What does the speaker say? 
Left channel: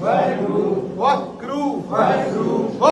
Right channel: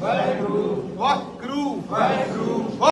Cru. What Guru. What Guru. Vai Guru.